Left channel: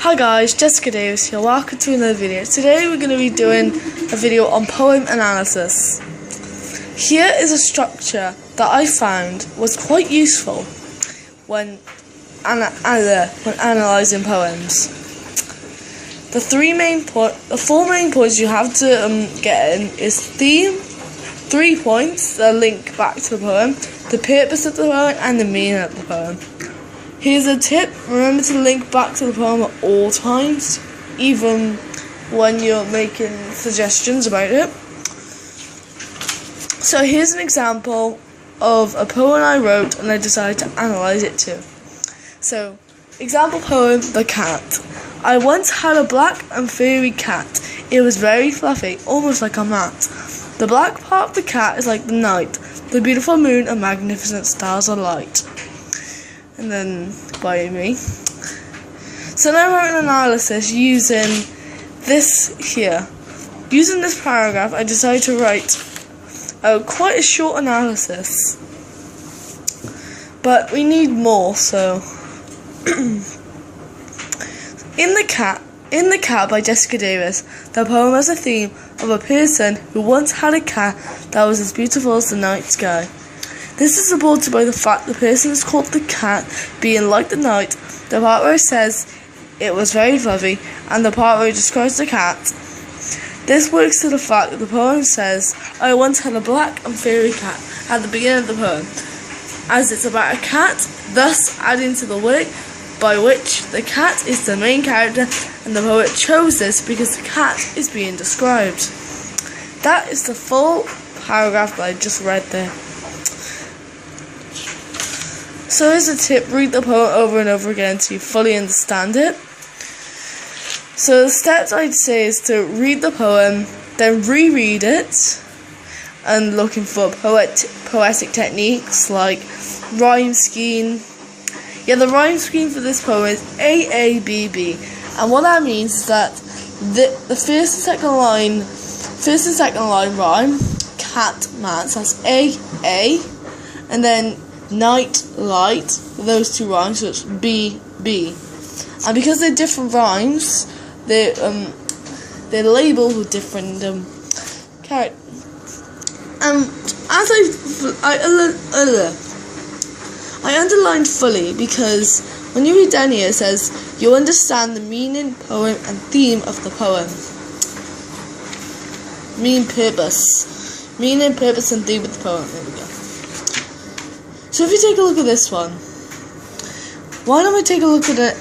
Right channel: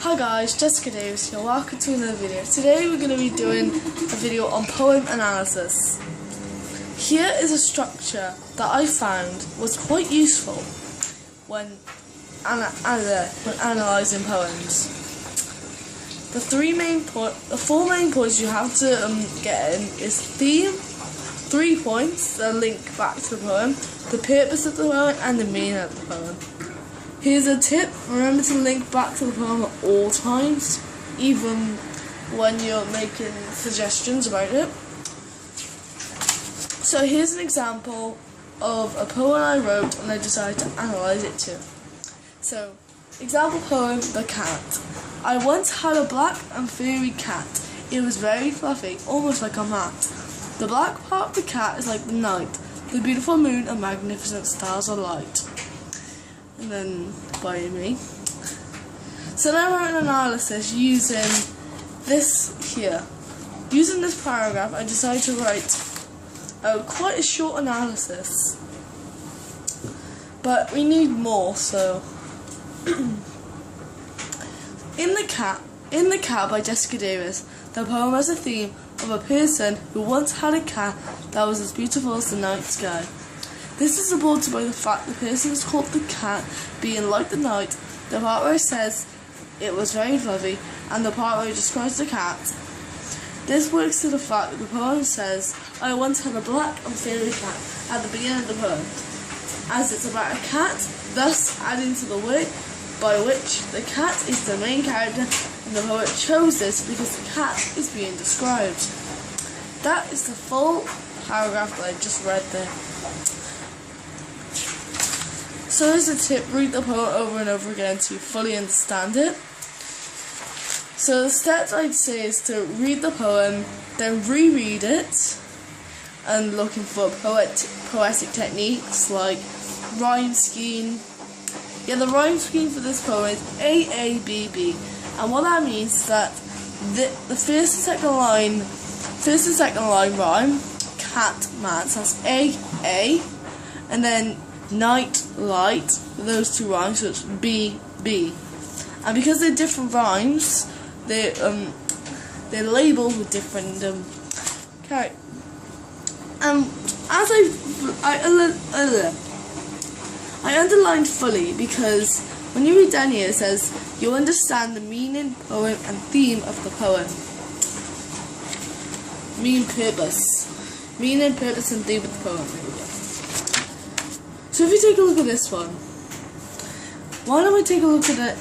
Hi guys, Jessica Davis here. Welcome to another video. Today we're going to be doing a video on poem analysis. Here is a structure that I found was quite useful when analysing poems. The four main points you have to get in is theme, 3 points that link back to the poem, the purpose of the poem, and the meaning of the poem. Here's a tip: remember to link back to the poem at all times, even when you're making suggestions about it. So here's an example of a poem I wrote and I decided to analyse it too. So, example poem, The Cat. I once had a black and furry cat. It was very fluffy, almost like a mat. The black part of the cat is like the night, the beautiful moon and magnificent stars alight. And then by me. So now I wrote an analysis using this here. Using this paragraph, I decided to write quite a short analysis. But we need more, so In the Cat by Jessica Davis, the poem has a theme of a person who once had a cat that was as beautiful as the night sky. This is supported by the fact the person is called the cat, being like the night, the part where it says it was very fluffy, and the part where it describes the cat. This works to the fact that the poem says, I once had a black and furry cat at the beginning of the poem, as it's about a cat, thus adding to the work by which the cat is the main character, and the poet chose this because the cat is being described. That is the full paragraph that I just read there. So here's a tip: read the poem over and over again until you fully understand it. So the steps I'd say is to read the poem, then reread it, and looking for poetic techniques like rhyme scheme. Yeah, the rhyme scheme for this poem is AABB, and what that means is that the first and second line rhyme. Cat, mat, so that's A, and then night, light, those two rhymes, so it's B. And because they're different rhymes, they're labelled with different characters. As I underlined fully because when you read down here it says you understand the meaning, poem, and theme of the poem. Meaning, purpose, and theme of the poem. There we go. So if you take a look at this one, why don't we take a look at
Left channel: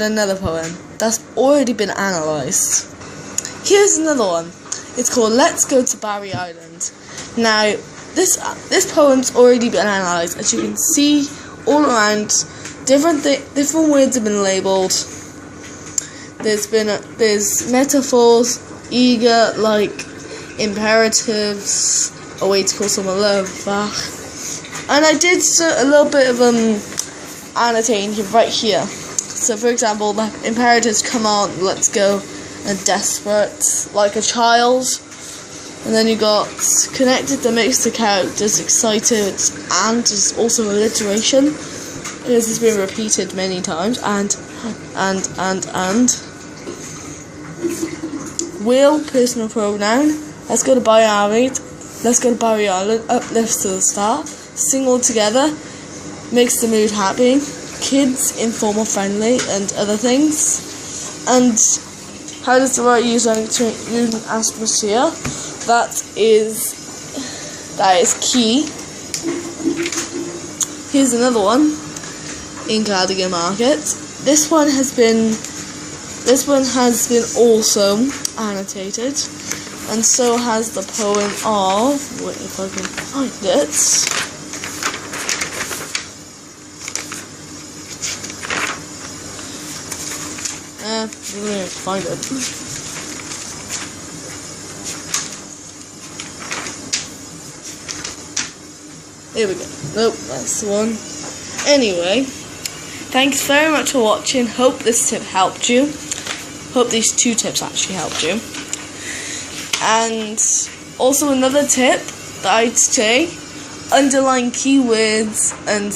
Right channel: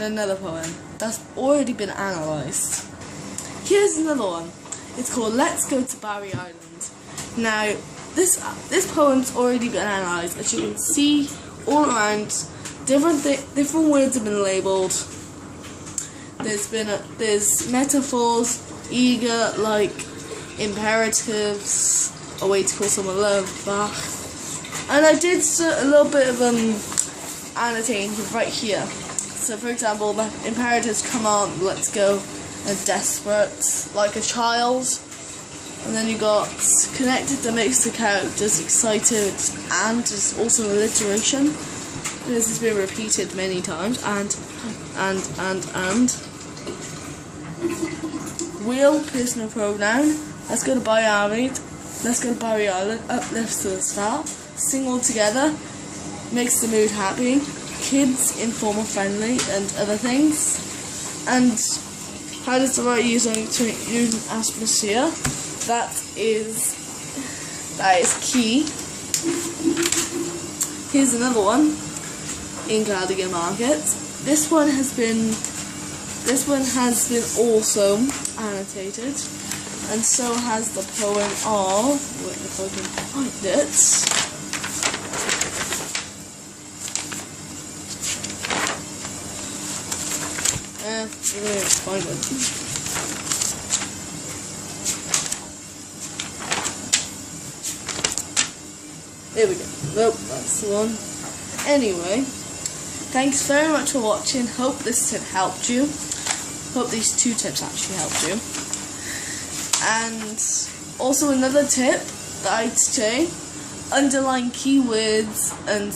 another poem that's already been analysed? Here's another one. It's called Let's Go to Barry Island. Now, this poem's already been analysed. As you can see all around, different words have been labelled. There's metaphors, eager, like imperatives, a way to call someone love back. And I did a little bit of annotating right here. So for example, the imperatives: come on, let's go, and desperate, like a child. And then you got connected that makes the characters excited, and is also alliteration. This has been repeated many times, and. Will, personal pronoun. Let's go to Barry Island. Let's go to Barry Island. Uplifts to the star. Sing all together. Makes the mood happy. Kids, informal, friendly, and other things. And how does the right use an atmosphere? That is key. Here's another one in Cardigan Market. This one has been also annotated, and so has the poem of. Wait, if I can find it. Let's find it. Here we go. Nope, that's the one. Anyway, thanks very much for watching. Hope this tip helped you. Hope these 2 tips actually helped you. And also another tip that I'd say: underline keywords and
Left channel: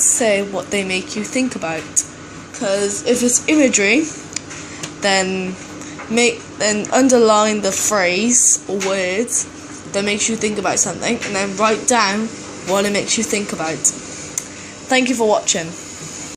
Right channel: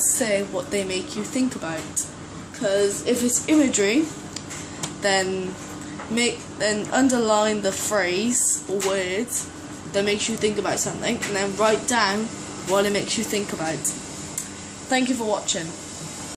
say what they make you think about. Because if it's imagery, then underline the phrase or words that makes you think about something, and then write down what it makes you think about. Thank you for watching.